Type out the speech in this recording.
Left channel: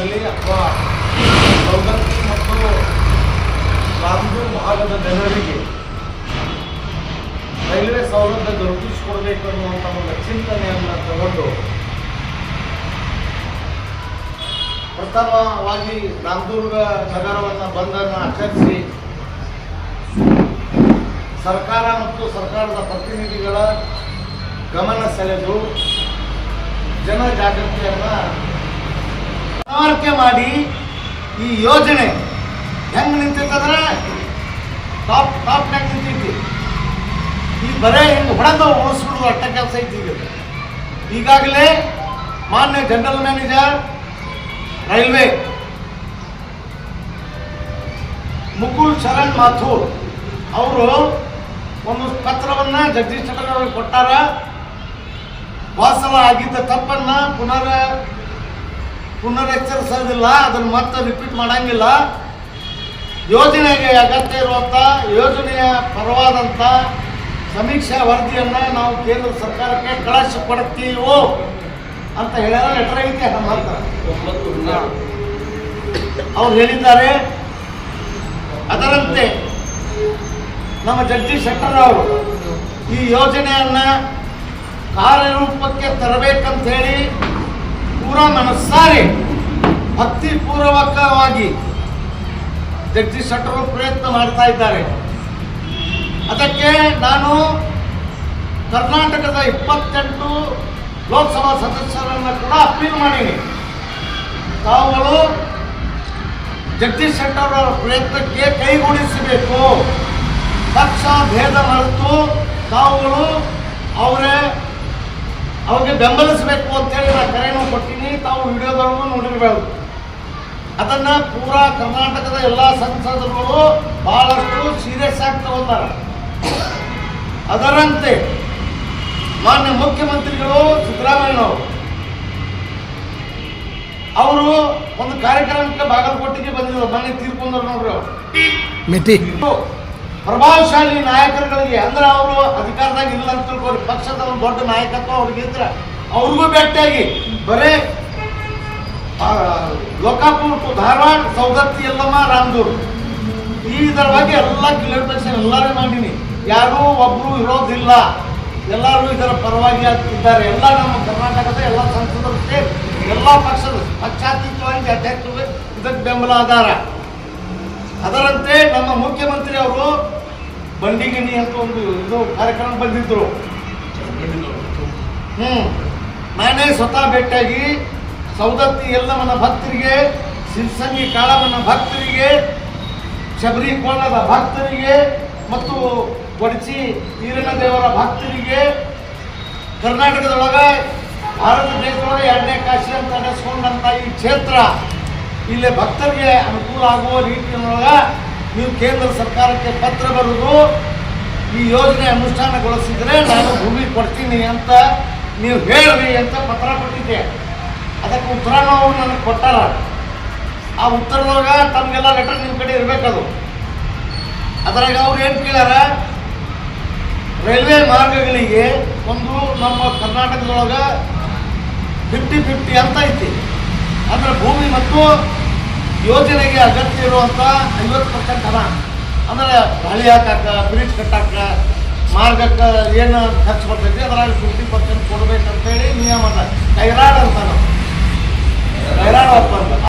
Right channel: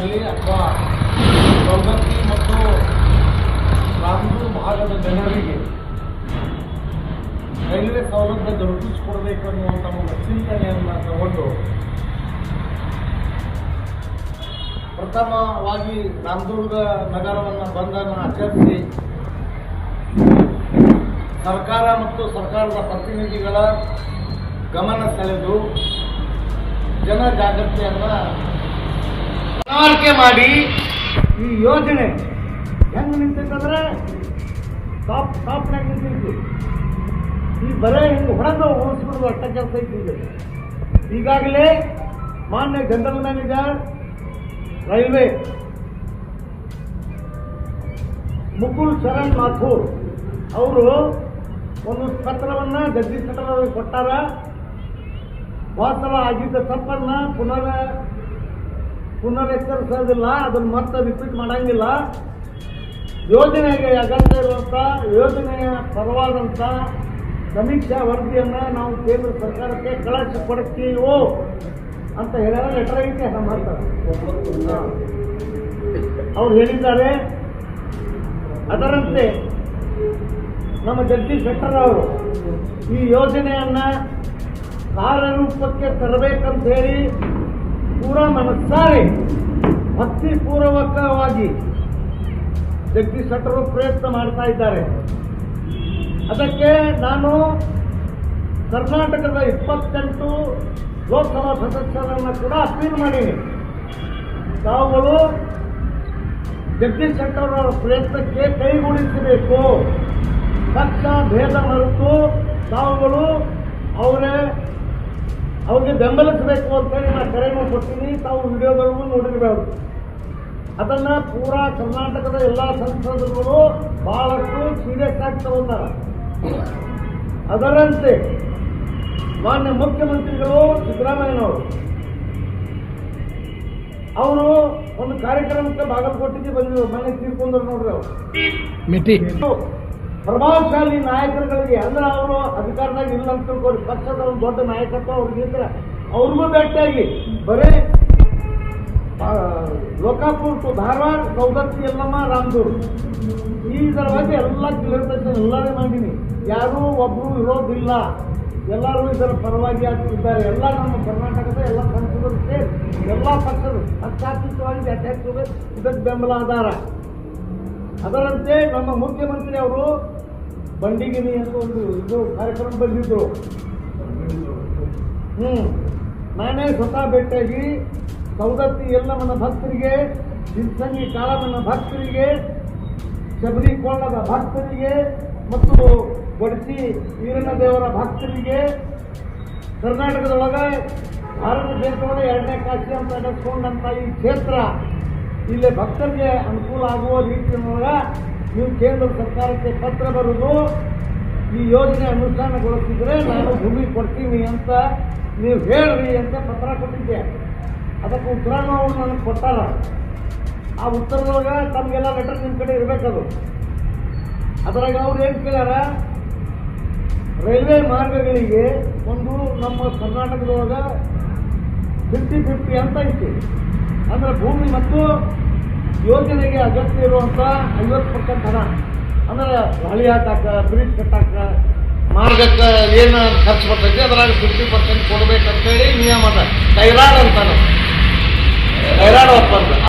ಆಗಲಿ ಅಥವಾ ಸೌಗಂಧಿ ಮತ್ತು ರಾಮದೂರ್ ಭಾಗದ ಜನರಿಗೆ ರೈಲ್ವೆ ಸೌಲಭ್ಯ ದೊರಕಿಸಿಕೊಡಬೇಕು ಅನ್ನುವಂಥ ಒಂದು ಚಿಂತನೆಯನ್ನು ತಗೊಂಡು ಪ್ರಥಮವಾಗಿ ರಾಮದುರ್ಗ ನಗರವನ್ನು ಬಂದನ್ನು ಆಚರಿಸಿ ಸರ್ಕಾರ ಮತ್ತು ಸರ್ಕಾರದ ಪ್ರತಿನಿಧಿಗಳ ಗಮನ ಸೆಳೆದು ಜನ ಜಾಗೃತಿಯನ್ನು ಮನವರಿಕೆ ಮಾಡಿ ಈ ಯೋಜನೆ ಹೆಂಗೆ ನಿಂತೈತಂದ್ರೆ ಟಾಪ್ ಟಾಪ್ನಾಗ ನಿಂತೈತಿ. ಈ ಬರೇ ಹಿಂಗೆ ಹೊಡೆದು ಉಳಿಸ್ಬಿಡೋದು ಅಟ್ಟ ಕೆಲಸ ಐತಿ ಈಗ. ಈಗಾಗಲೇ ಮಾನ್ಯ general manager, railway, Mukul Sharan Mathur ಅವರು ಒಂದು ಪತ್ರವನ್ನು ಜಗದೀಶ್ ಚಂದ್ರ ಅವರಿಗೆ ಕೊಟ್ಟಾರ. ವಾಸವ ಆಗಿದ್ದ ತಪ್ಪನ್ನ ಪುನರ್ ಪುನರೆಚ್ಚರಿಸೋದಿಲ್ಲ ಅದನ್ನು ಮತ್ತೆ ರಿಪೀಟ್ ಮಾಡಂಗಿಲ್ಲ. ಯೋಜನೆಗೆ ಅಗತ್ಯ ಇರುವಂಥ ಯೋಜನೆಯ ಪರವಾದಂಥ ಸಮೀಕ್ಷಾ ವರದಿಯನ್ನು ನಾವು ಕೇಂದ್ರ ಸರ್ಕಾರಕ್ಕೆ ಕಳಿಸಿಕೊಡುತ್ತೀವೋ ಅಂತ ಹೇಳ್ಯಾರ ಲೆಟರ್ ಐತೆ ನಮ್ಮ ಹತ್ರ. ಅವ್ರು ಹೇಳಿದ್ದಾರೆ. ಅದರಂತೆ ನಮ್ಮ ಜಗದೀಶ್ ಶೆಟ್ಟರ್ ಅವರು ಈ ಯೋಜನೆಯನ್ನು ಕಾರ್ಯರೂಪಕ್ಕೆ ತರಬೇಕಂತ ಹೇಳಿ ಪೂರಾ ಮನಸ್ಸಾರೆ ಭಕ್ತಿಪೂರ್ವಕವಾಗಿ ಜಗದೀಶ್ ಶೆಟ್ಟರು ಪ್ರಯತ್ನ ಮಾಡ್ತಾ ಇದ್ದಾರೆ. ಅದಕ್ಕೆ ನಾನು ಕರ್ನಾಟಕದ ಇಪ್ಪತ್ತೆಂಟು ಲೋಕಸಭಾ ಸದಸ್ಯರನ್ನು ಕೂಡ ಅಪೀಲ್ ಮಾಡೀನಿ. ತಾವುಗಳು ಜಗದೀಶ್ ಶೆಟ್ಟರ್ ಅವರ ಪ್ರಯತ್ನಕ್ಕೆ ಕೈಗೂಡಿಸಬೇಕು. ಪಕ್ಷ ಭೇದ ಮರೆತು ತಾವುಗಳು ಅವರೇ ಅವ್ರಿಗೆ ಬೆಂಬಲಿಸಬೇಕು ಅಂತೇಳಿ ನಾನು ಕರೆಯನ್ನು ಕೊಟ್ಟಿನಿ. ತಾವು ವಿಡಿಯೋದವರೆಗೂ ನೋಡಿರಬೇಕು. ಅದನ್ನು ಪೂರಾ ಕರ್ನಾಟಕದ ಎಲ್ಲ ಸಂಸದರುಗಳು ಬಹಳಷ್ಟು ಸೀರಿಯಸ್ ಆಗಿ ತಗೊಂಡಾರ. ಅದರಂತೆ ಮಾನ್ಯ ಮುಖ್ಯಮಂತ್ರಿಗಳು ಸಿದ್ದರಾಮಯ್ಯನವರು. ಅವರು ಒಂದು ಕಾರ್ಯಕ್ರಮಕ್ಕೆ ಬಾಗಲಕೋಟೆಗೆ ಬಂದಿದ್ರು. ಮನೆ ತೀರ್ಕೊಂಡ್ರು ನೋಡ್ರಿ ಅವರು. ಪ್ರಭಾವಶಾಲಿ ನಾಯಕರುಗಳಿಗೆ ಅಂದ್ರೆ ಅವರು ಅಧಿಕಾರದಾಗ ಇಲ್ಲ ಅಂತ ತಿಳ್ಕೊಳ್ಳಿ ಪಕ್ಷದ ಒಂದು ದೊಡ್ಡ ನಾಯಕತ್ವ ಅವ್ರಿಗೆ ಇದ್ರೆ ಅವ್ರಿಗೂ ಭೇಟಿಯಾಗಿ. ಬರೇ ಲೋಕಾಪುರ ಟು ಧಾರವಾಡ ಸೌದತ್ತಿ ಎಲ್ಲಮ್ಮ ರಾಮದೂರು ಈ ಇದರ ಎಲ್ಲ ಕ್ಲಿಯರ್ಫಿಕೇಶನ್ ಎಲ್ಲರೂ ಮಾಡೀನಿ. ಯಾರೂ ಒಬ್ರು ಇರೋದಿಲ್ಲ. ಎಲ್ಲರೂ ಇದರ ಪರವಾಗಿ ಇದ್ದಾರೆ. ಎಲ್ಲ ನಮ್ಮ ಕರ್ನಾಟಕದ ಎಲ್ಲ ಸಂಸದರು ಸೇರಿ ಎಲ್ಲ ಪಕ್ಷದ ಪಕ್ಷಾತೀತವಾಗಿ ಅಧ್ಯಕ್ಷರು ಇದಕ್ಕೆ ಬೆಂಬಲ ಆಧಾರ. ಅದರಂತೆ ನಮ್ಮ ಮುಖ್ಯಮಂತ್ರಿ ಅವರು ಬಂಡಿಗಿನಿ ಅಂತ ಒಂದು ಇದು ಕಾರ್ಯಕ್ರಮ ಬಂದಿದ್ರು. ಹ್ಮ್. ನಾನೇ ಸ್ವತಃ ಭೇಟಿಯಾಗಿ ಸೌದತ್ತಿ ಎಲ್ಲಮ್ಮನ ಭಕ್ತರಿಗೆ ಸಿಲ್ಸಂಗಿ ಕಾಳಮ್ಮನ ಭಕ್ತರಿಗೆ, ಶಬರಿ ಕೋಣದ ಭಕ್ತರಿಗೆ ಮತ್ತು ಕೊಡಚಿ ವೀರನ ದೇವರ ಭಕ್ತರಿಗೆ ಕರ್ನಾಟಕದೊಳಗ, ಭಾರತ ದೇಶದೊಳಗೆ ಎರಡನೇ ಕಾಶಿ ಅಂತ ನಡೆಸ್ಕೊಂಡಂಥ ಈ ಕ್ಷೇತ್ರ. ಇಲ್ಲಿ ಭಕ್ತರಿಗೆ ಅನುಕೂಲ ಆಗುವ ರೀತಿಯೊಳಗ ನೀವು ಕೇಂದ್ರ ಸರ್ಕಾರಕ್ಕೆ ಪತ್ರ ಬರೆದು ಈ ಯೋಜನೆ ಅನುಷ್ಠಾನಗೊಳಿಸಿದರೆ ನಾನು ಭೂಮಿ ಕೊಡ್ತೀನಿ ಅಂತ ನೀವು ಹೇಳ್ರಿ ಅಂತ ಪತ್ರ ಕೊಟ್ಟಿದ್ದೆ. ಅದಕ್ಕೆ ಉತ್ತರನೂ ನನಗೆ ಕೊಟ್ಟಾರ. ಆ ಉತ್ತರದೊಳಗ ತಮಗೆಲ್ಲ ಲೆಟರ್ ನಿಮ್ಮ ಕಡೆ ಇರಬೇಕದು. ಅದರಾಗ ಅವ್ರು ಏನು ಕೇಳ್ಯಾರ? ರೈಲ್ವೆ ಮಾರ್ಗಗಳಿಗೆ ಒಂದು ನಮ್ಮ ಕರ್ನಾಟಕದೊಳಗೆ ಫಿಫ್ಟಿ ಫಿಫ್ಟಿ ಅಂತ ಐತಿ. ಅಂದರೆ ಭೂಮಿ ಮತ್ತು ಯೋಜನೆಗೆ ಅಗತ್ಯ ಇರುವಂಥ ಐವತ್ತು ಪರ್ಸೆಂಟ್ ಹಣ. ಅಂದರೆ ಹಳಿ ಹಾಕಾಕ ಬ್ರಿಡ್ಜ್ ಕಟ್ಟಾಕ ಮಾರ್ಗಕ್ಕೆ ಏನು ಖರ್ಚು ಬರ್ತೈತಿ, ಅದ್ರಾಗ ಫಿಫ್ಟಿ ಪರ್ಸೆಂಟ್ ಕೊಡ್ಬೇಕಂತೇಳಿ ನಿಯಮ ಅದ. ಅಂತ ನಾವು. ಟೈರಾಡ್ ಒಪ್ಪಂದ.